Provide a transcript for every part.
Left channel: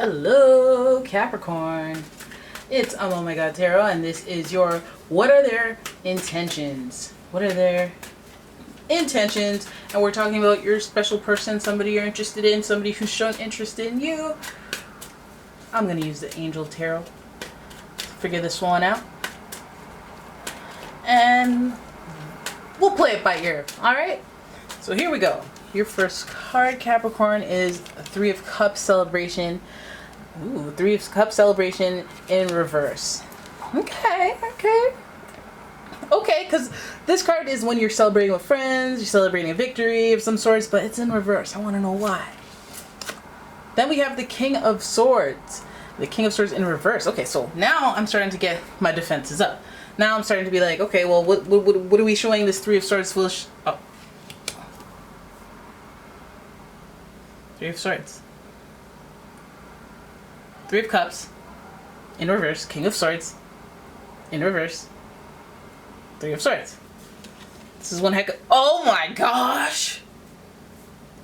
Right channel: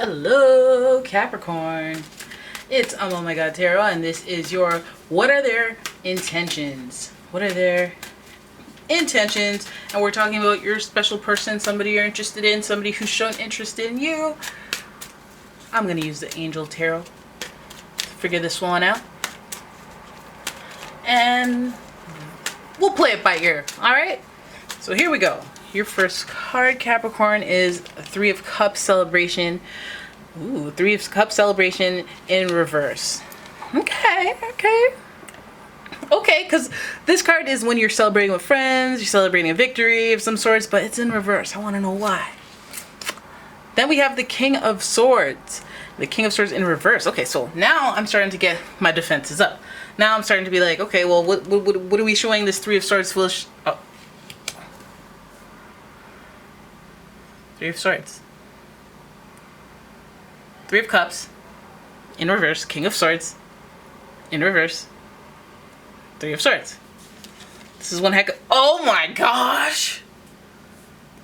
Hello, Capricorn. It's Oh My God Tarot, and this is your What Are Their Intentions? What are their intentions? And we're talking about your special person, somebody you're interested in, somebody who's shown interest in you. I'm going to use the Angel Tarot to figure this one out. And we'll play it by ear, alright? So here we go. Your first card, Capricorn, is Three of Cups celebration. Ooh, Three of Cups celebration in reverse. Okay, because this card is when you're celebrating with friends, you're celebrating a victory of some sorts, but it's in reverse. I want to know why. Then we have the King of Swords. The King of Swords in reverse. Okay, so now I'm starting to get my defenses up. Now I'm starting to be like, okay, well, what are we showing this Three of Swords foolish? Oh. Three of Swords. Three of Cups. In reverse. King of Swords. In reverse. Three of Swords. This is one heck of... Oh my gosh!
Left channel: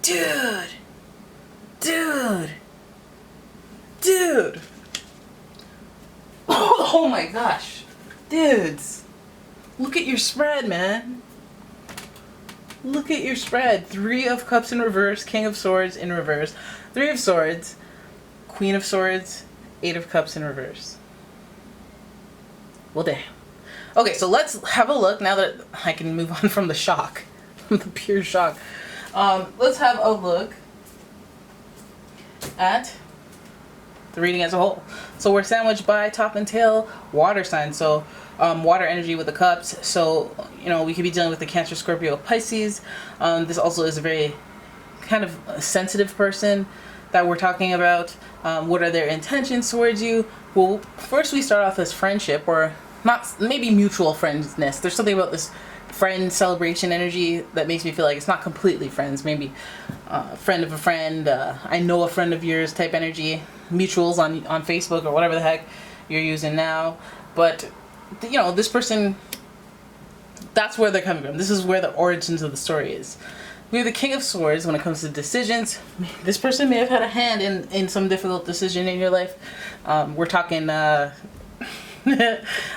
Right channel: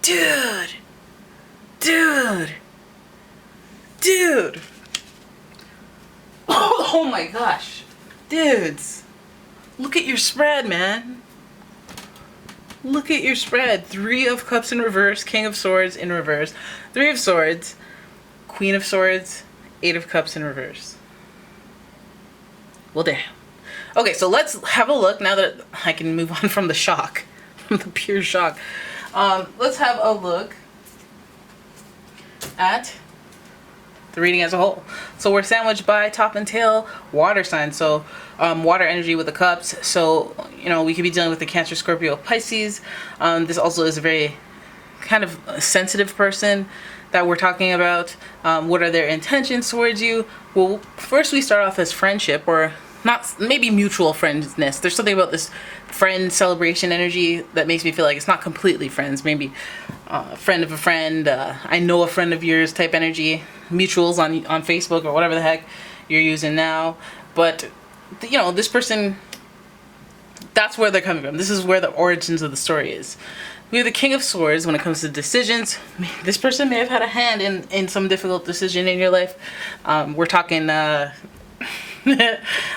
Dude! Oh my gosh. Dudes. Look at your spread, man. Look at your spread. Three of Cups in reverse, King of Swords in reverse, Three of Swords, Queen of Swords, Eight of Cups in reverse. Well, damn. Okay, so let's have a look now that I can move on from the shock, from the pure shock. Let's have a look at the reading as a whole. So we're sandwiched by top and tail water signs. So water energy with the cups. So, you know, we could be dealing with the Cancer, Scorpio, Pisces. This also is a very kind of sensitive person that we're talking about. What are their intentions towards you? Well, first we start off as friendship, or not, maybe mutual friendness. There's something about this friend celebration energy that makes me feel like it's not completely friends. Maybe friend of a friend, I know a friend of yours type energy. Mutuals on Facebook or whatever the heck you're using now. But, you know, this person, that's where they're coming from. This is where the origins of the story is. We have the King of Swords when it comes to decisions. This person may have had a hand in some difficult decision in your life. We're talking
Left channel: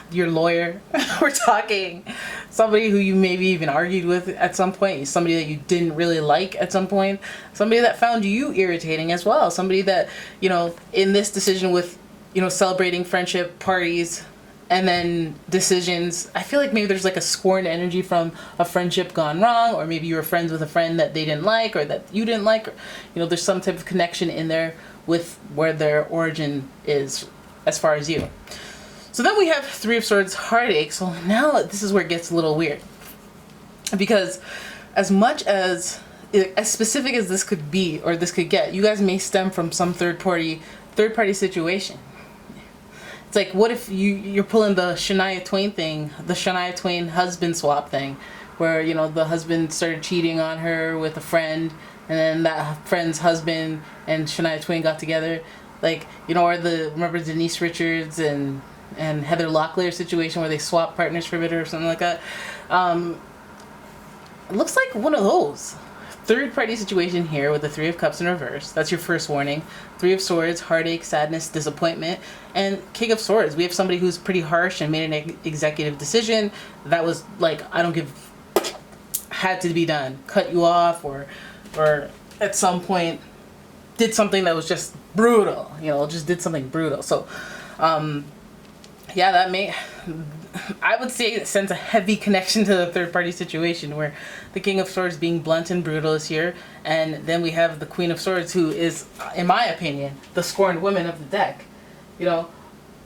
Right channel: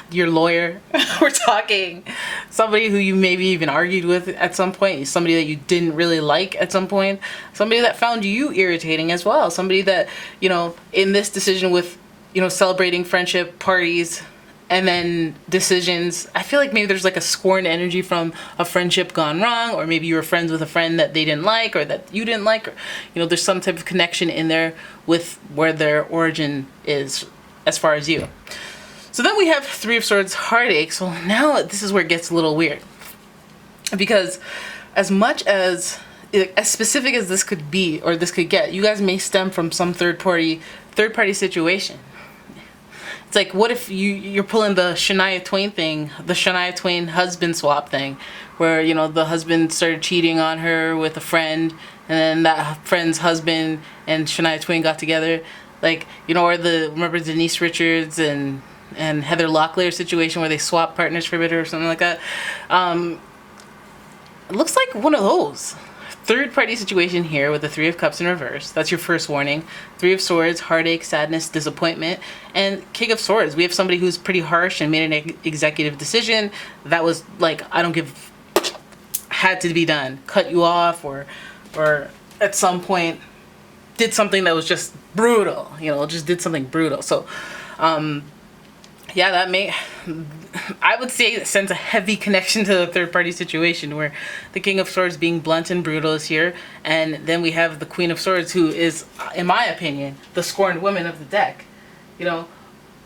your lawyer. We're talking somebody who you maybe even argued with at some point, somebody that you didn't really like at some point, somebody that found you irritating as well, somebody that, you know, in this decision with, you know, celebrating friendship parties and then decisions, I feel like maybe there's like a scorn energy from a friendship gone wrong, or maybe you were friends with a friend that they didn't like or that you didn't like, or, you know, there's some type of connection in there with where their origin is as far as you. So then we have Three of Swords, heartache. So now this is where it gets a little weird. Because as much as specific as this could be, or this could get, you guys may stem from some third party situation. It's like, what if you're pulling the Shania Twain thing, the Shania Twain husband swap thing, where, you know, the husband started cheating on her with a friend, and then that friend's husband and Shania Twain got together. Like, you know, or remember Denise Richards and Heather Locklear situation where they swap partners for a bit or something like that. It looks like one of those. Third party situation here with the Three of Cups in reverse. That's your first warning. Three of Swords, heartache, sadness, disappointment. And King of Swords. We have somebody who's pretty harsh and made an executive decision that was like, had to be done. Cut you off, or at some point did something that was just brutal. You know, just did something brutal. So, yeah, I would say it sends a heavy connection to the third party situation where the King of Swords being blunt and brutal is here. And then we have the Queen of Swords, who is, in my opinion, the scorned woman of the deck. You know,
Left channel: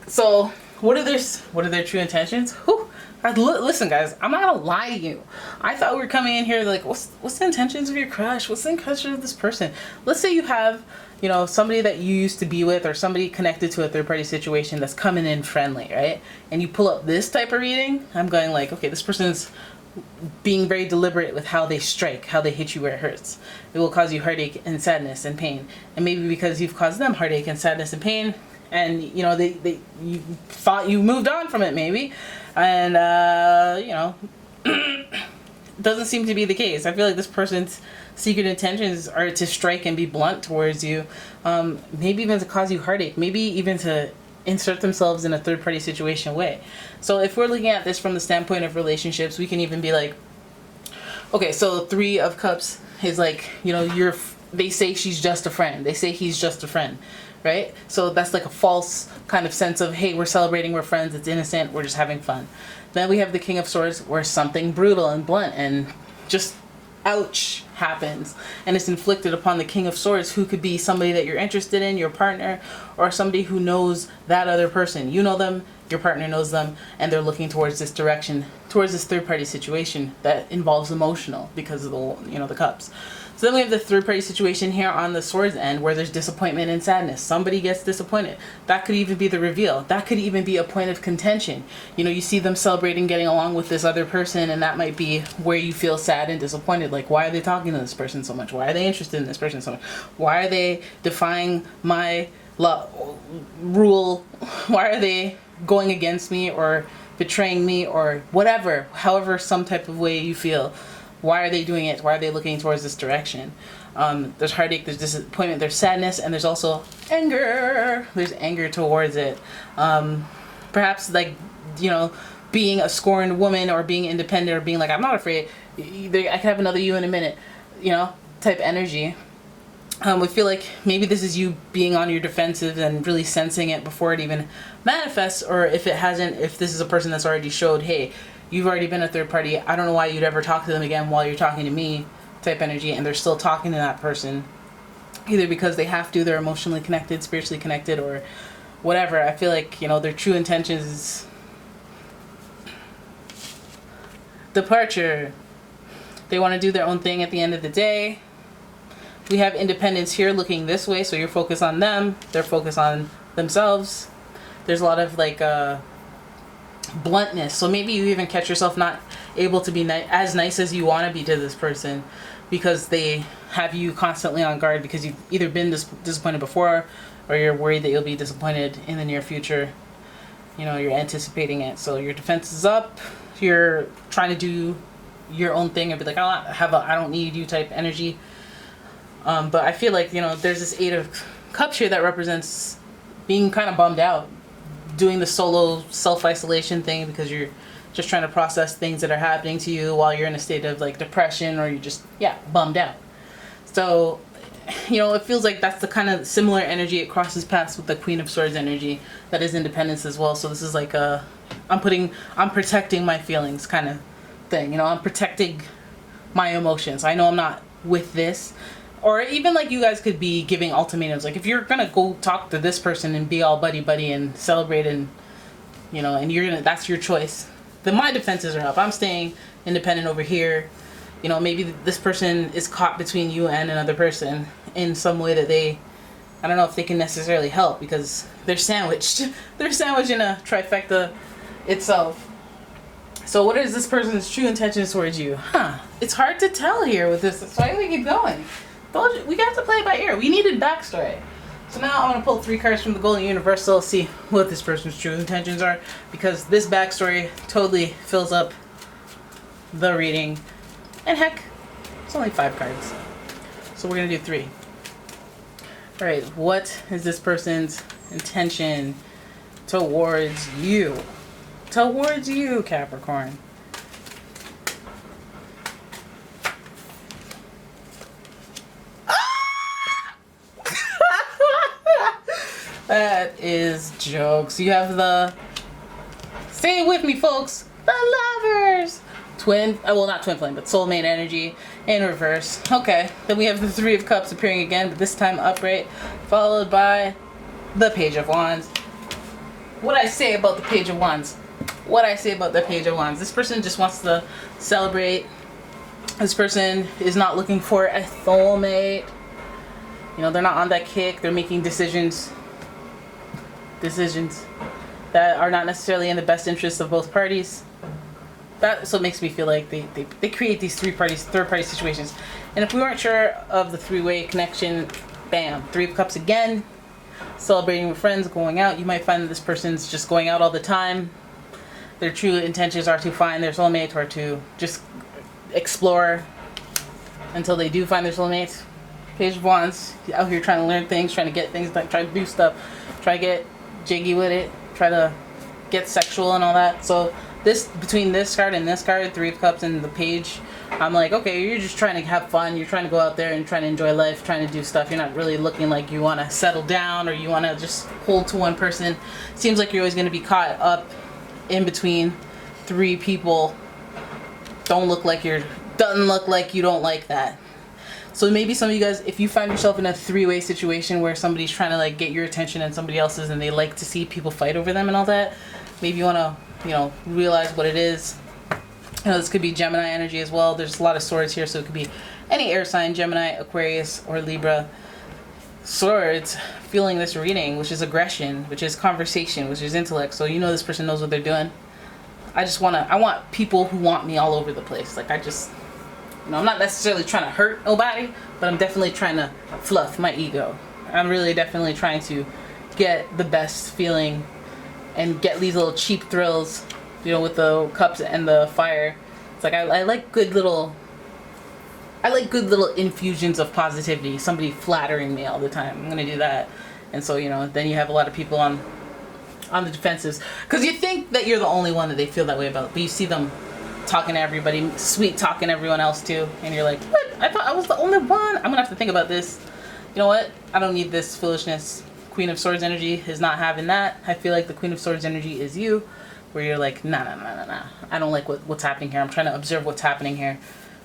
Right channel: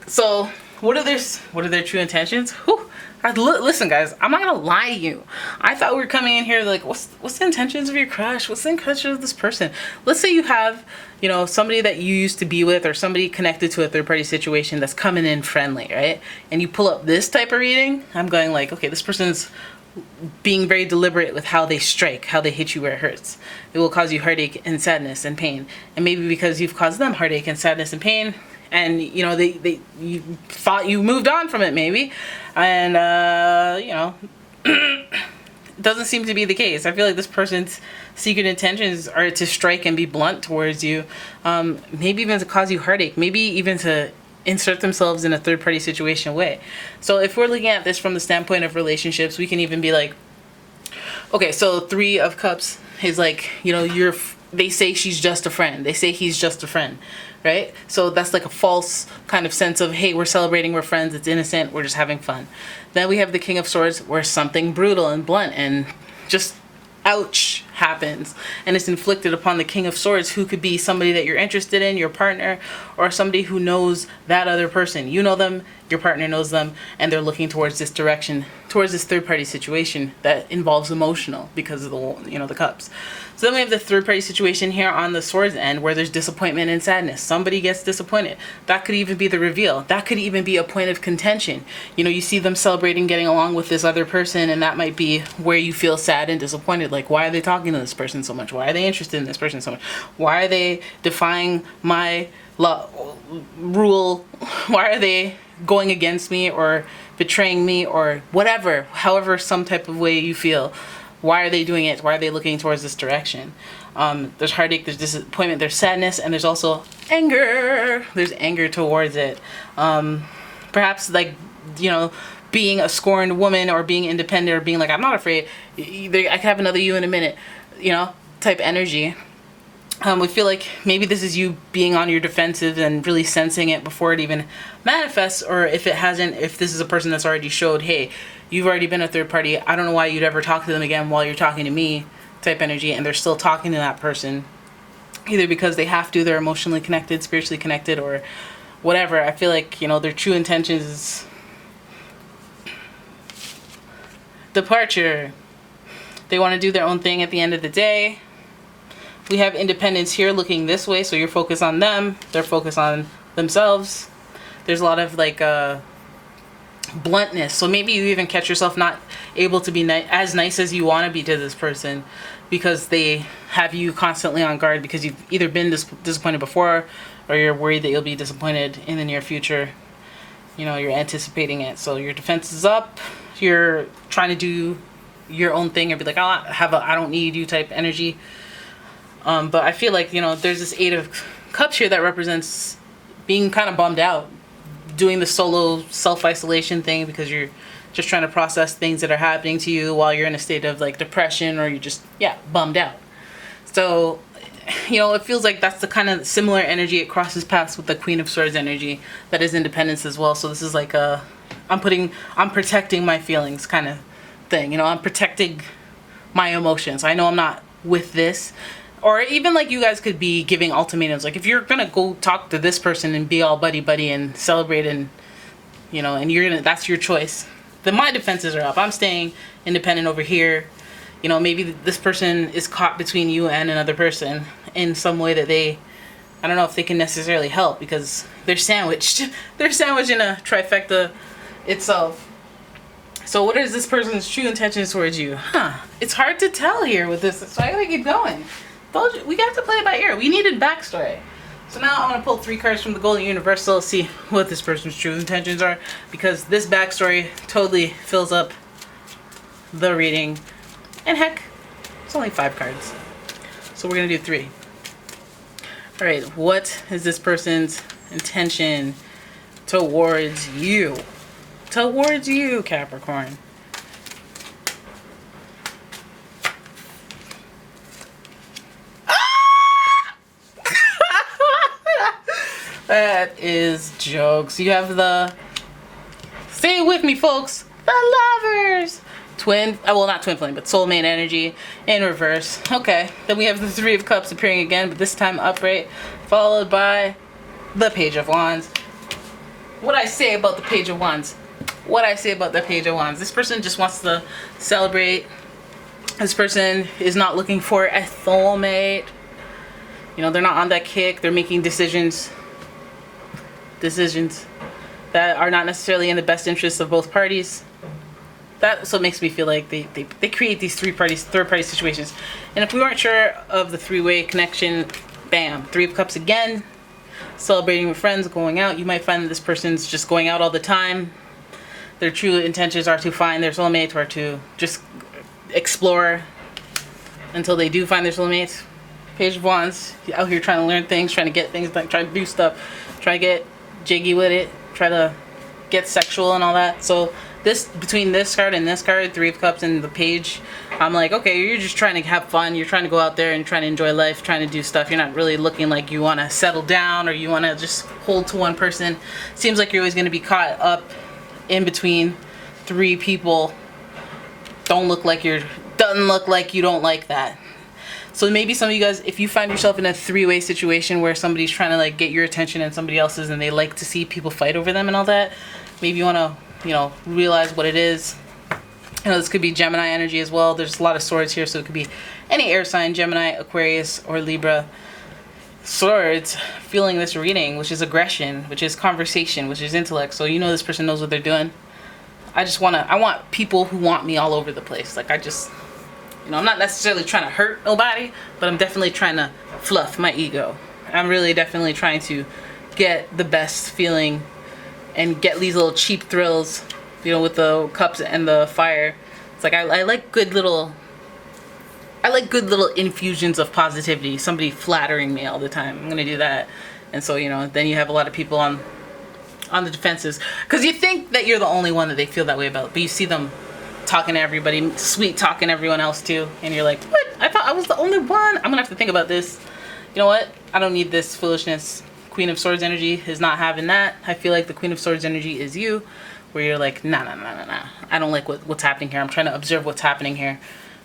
so what are their true intentions? Whew. Listen, guys, I'm not gonna lie to you. I thought we were coming in here like, what's the intentions of your crush? What's the intentions of this person? Let's say you have, you know, somebody that you used to be with, or somebody connected to a third party situation that's coming in friendly, right? And you pull up this type of reading, I'm going like, okay, this person's being very deliberate with how they strike, how they hit you where it hurts. It will cause you heartache and sadness and pain. And maybe because you've caused them heartache and sadness and pain, and, you know, you thought you moved on from it maybe, and, you know, doesn't seem to be the case. I feel like this person's secret intentions are to strike and be blunt towards you. Maybe even to cause you heartache. Maybe even to insert themselves in a third-party situation way. So if we're looking at this from the standpoint of relationships, we can even be like, okay, so 3 of Cups is like, you know, they say she's just a friend. They say he's just a friend, right? So that's like a false kind of sense of, hey, we're celebrating, we're friends, it's innocent, we're just having fun. Then we have the King of Swords, where something brutal and blunt and just ouch happens, and it's inflicted upon the King of Swords, who could be somebody that you're interested in, your partner, or somebody who knows that other person. You know them, your partner knows them, and they're looking towards this direction, towards this third-party situation that involves emotional because of the, you know, the Cups. So then we have the third-party situation here on the Swords end, where there's disappointment and sadness. Somebody gets disappointed. That could even be the reveal. That could even be a point of contention. You know, you see them celebrating getting along with this other person, and that might be where you feel sad and disappointed. Like, why are they talking to this person so much? Why are they interested in this person so much? Why are they defying my rule? Why are they going against me or betraying me or whatever, however, some type of way you feel? Why are they doing it? Why are they looking towards this direction? There's heartache, there's disappointment, there's sadness, and there's also anger. There's anger towards it. Perhaps, like, you know, being a scorned woman or being independent or being like, I'm not afraid, I can have another you in a minute, you know, type energy. We feel like maybe this is you being on your defensive and really sensing it before it even manifests, or if it hasn't, if this is a person that's already showed, hey, you've already been a third party, I don't know why you'd ever talk to them again while you're talking to me, type energy, and they're still talking to that person, either because they have to, they're emotionally connected, spiritually connected, or whatever. I feel like, you know, their true intentions is departure. They want to do their own thing at the end of the day. We have independence here looking this way, so you're focused on them, they're focused on themselves. There's a lot of like bluntness, so maybe you even catch yourself not able to be as nice as you want to be to this person because they have you constantly on guard, because you've either been disappointed before, or you're worried that you'll be disappointed in the near future. You know, you're anticipating it, so your defense is up, you're trying to do your own thing and be like, oh, I don't need you type energy. But I feel like, you know, there's this 8 of Cups here that represents being kind of bummed out, doing the solo self-isolation thing because you're just trying to process things that are happening to you while you're in a state of like depression, or you're just, yeah, bummed out. So, you know, it feels like that's the kind of similar energy. It crosses paths with the Queen of Swords energy that is independence as well. So this is like I'm protecting my feelings kind of thing. You know, I'm protecting my emotions. I know I'm not with this. Or even like you guys could be giving ultimatums. Like if you're gonna go talk to this person and be all buddy and celebrate, and you know, and that's your choice, then my defenses are up. I'm staying independent over here. You know, maybe this person is caught between you and another person in some way that I don't know if they can necessarily help, because they're sandwiched. They're sandwiched in a trifecta itself. So what is this person's true intentions towards you? It's hard to tell here with this, so I gotta keep going. We got to play it by ear. We needed backstory. So now I'm going to pull 3 cards from the Golden Universal, see what this person's true intentions are, because this backstory totally fills up the reading. And heck, it's only 5 cards. So we're going to do 3. Alright, what is this person's intention towards you? Towards you, Capricorn. That is jokes. You have the, say it with me, folks, the Lovers. Not twin flame, but soulmate energy in reverse. Okay, then we have the 3 of Cups appearing again, but this time upright, followed by the Page of Wands. What I say about the Page of Wands? This person just wants to celebrate. This person is not looking for a soulmate. You know, they're not on that kick. They're making decisions that are not necessarily in the best interest of both parties. That's what makes me feel like they create these third party situations. And if we weren't sure of the 3-way connection, bam, 3 of Cups again, celebrating with friends, going out. You might find that this person's just going out all the time. Their true intentions are to find their soulmate, or to just explore until they do find their soulmates. Page of Wands, out here trying to learn things, trying to get things, like trying to do stuff, try to get jiggy with it, try to get sexual and all that. So this, between this card and this card, Three of Cups and the Page, I'm like, okay, you're just trying to have fun, you're trying to go out there and trying to enjoy life, trying to do stuff. You're not really looking like you want to settle down or you want to just hold to one person. Seems like you're always going to be caught up in between three people. Doesn't look like you don't like that. So maybe some of you guys, if you find yourself in a three-way situation where somebody's trying to like get your attention and somebody else's, and they like to see people fight over them and all that, maybe you want to, you know, realize what it is. You know, this could be Gemini energy as well. There's a lot of swords here, so it could be any air sign, Gemini, Aquarius, or Libra. Swords, feeling this reading, which is aggression, which is conversation, which is intellect. So you know this person knows what they're doing. I want people who want me all over the place. Like, you know, I'm not necessarily trying to hurt nobody, but I'm definitely trying to fluff my ego. I'm really definitely trying to get the best feeling and get these little cheap thrills, you know, with the cups and the fire. It's like I like good little infusions of positivity. Somebody flattering me all the time. I'm gonna do that. And so, you know, then you have a lot of people on the defenses, because you think that you're the only one that they feel that way about, but you see them talking to everybody, sweet talking everyone else too, and you're like, what? I thought I was the only one. I'm gonna have to think about this. You know what? I don't need this foolishness. Queen of Swords energy is not having that. I feel like the Queen of Swords energy is you, where you're like, nah. I don't like what's happening here. I'm trying to observe what's happening here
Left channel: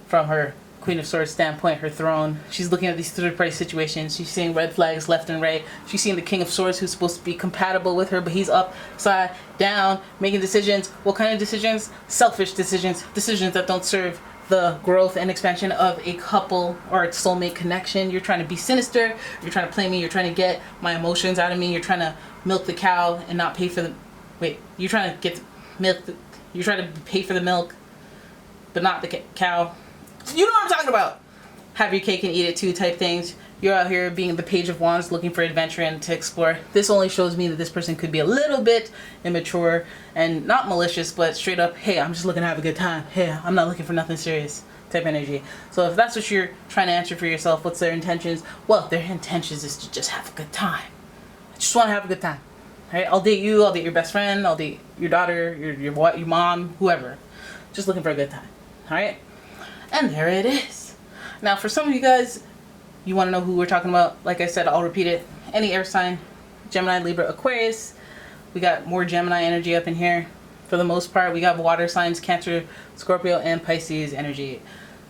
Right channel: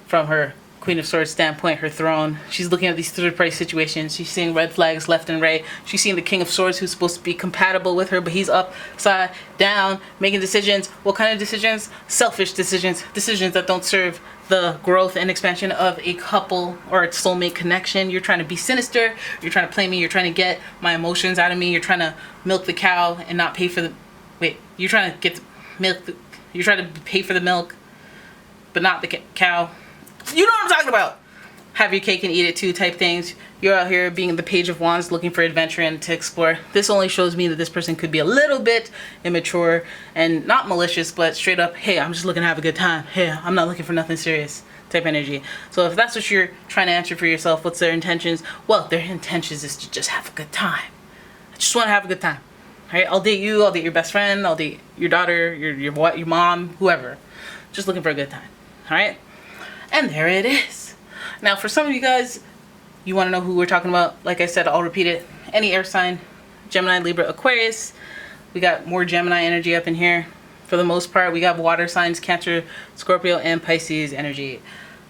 from her Queen of Swords standpoint, her throne. She's looking at these third-party situations. She's seeing red flags left and right. She's seeing the King of Swords, who's supposed to be compatible with her, but he's upside down, making decisions. What kind of decisions? Selfish decisions. Decisions that don't serve the growth and expansion of a couple or a soulmate connection. You're trying to be sinister. You're trying to play me. You're trying to get my emotions out of me. You're trying to milk the cow and not pay for the... Wait, you're trying to get the milk... You're trying to pay for the milk, but not the cow. You know what I'm talking about. Have your cake and eat it too type things. You're out here being the Page of Wands, looking for adventure and to explore. This only shows me that this person could be a little bit immature and not malicious, but straight up, hey, I'm just looking to have a good time. Hey, I'm not looking for nothing serious type energy. So if that's what you're trying to answer for yourself, what's their intentions? Well, their intentions is to just have a good time. I just want to have a good time. All right? I'll date you. I'll date your best friend. I'll date your daughter, your mom, whoever. Just looking for a good time. All right? And there it is. Now, for some of you guys, you want to know who we're talking about. Like I said, I'll repeat it. Any air sign, Gemini, Libra, Aquarius. We got more Gemini energy up in here. For the most part, we got water signs, Cancer, Scorpio, and Pisces energy.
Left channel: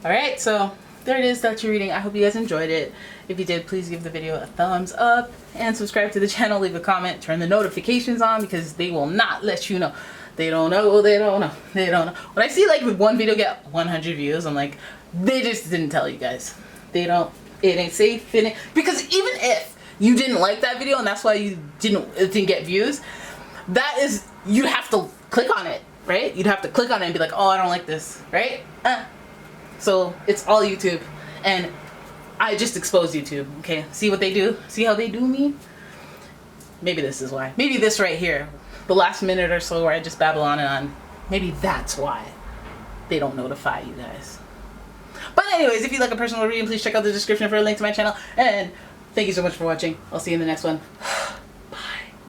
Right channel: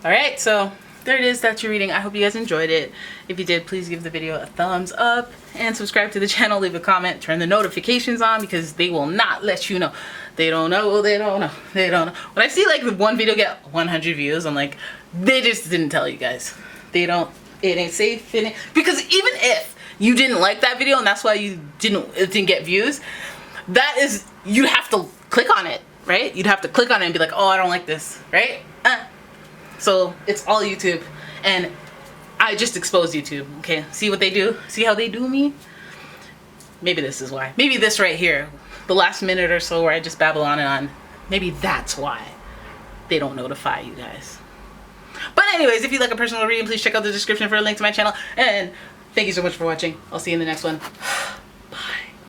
All right, so there it is. That's your reading. I hope you guys enjoyed it. If you did, please give the video a thumbs up and subscribe to the channel. Leave a comment. Turn the notifications on, because they will not let you know. They don't know. When I see like one video get 100 views, I'm like, they just didn't tell you guys. It ain't safe. Because even if you didn't like that video and that's why it didn't get views, you'd have to click on it, right? You'd have to click on it and be like, oh, I don't like this, right? So it's all YouTube, and I just exposed YouTube. Okay, see what they do? See how they do me? Maybe this is why. Maybe this right here, the last minute or so where I just babble on and on, maybe that's why they don't notify you guys. But anyways, if you'd like a personal reading, please check out the description for a link to my channel. And thank you so much for watching. I'll see you in the next one.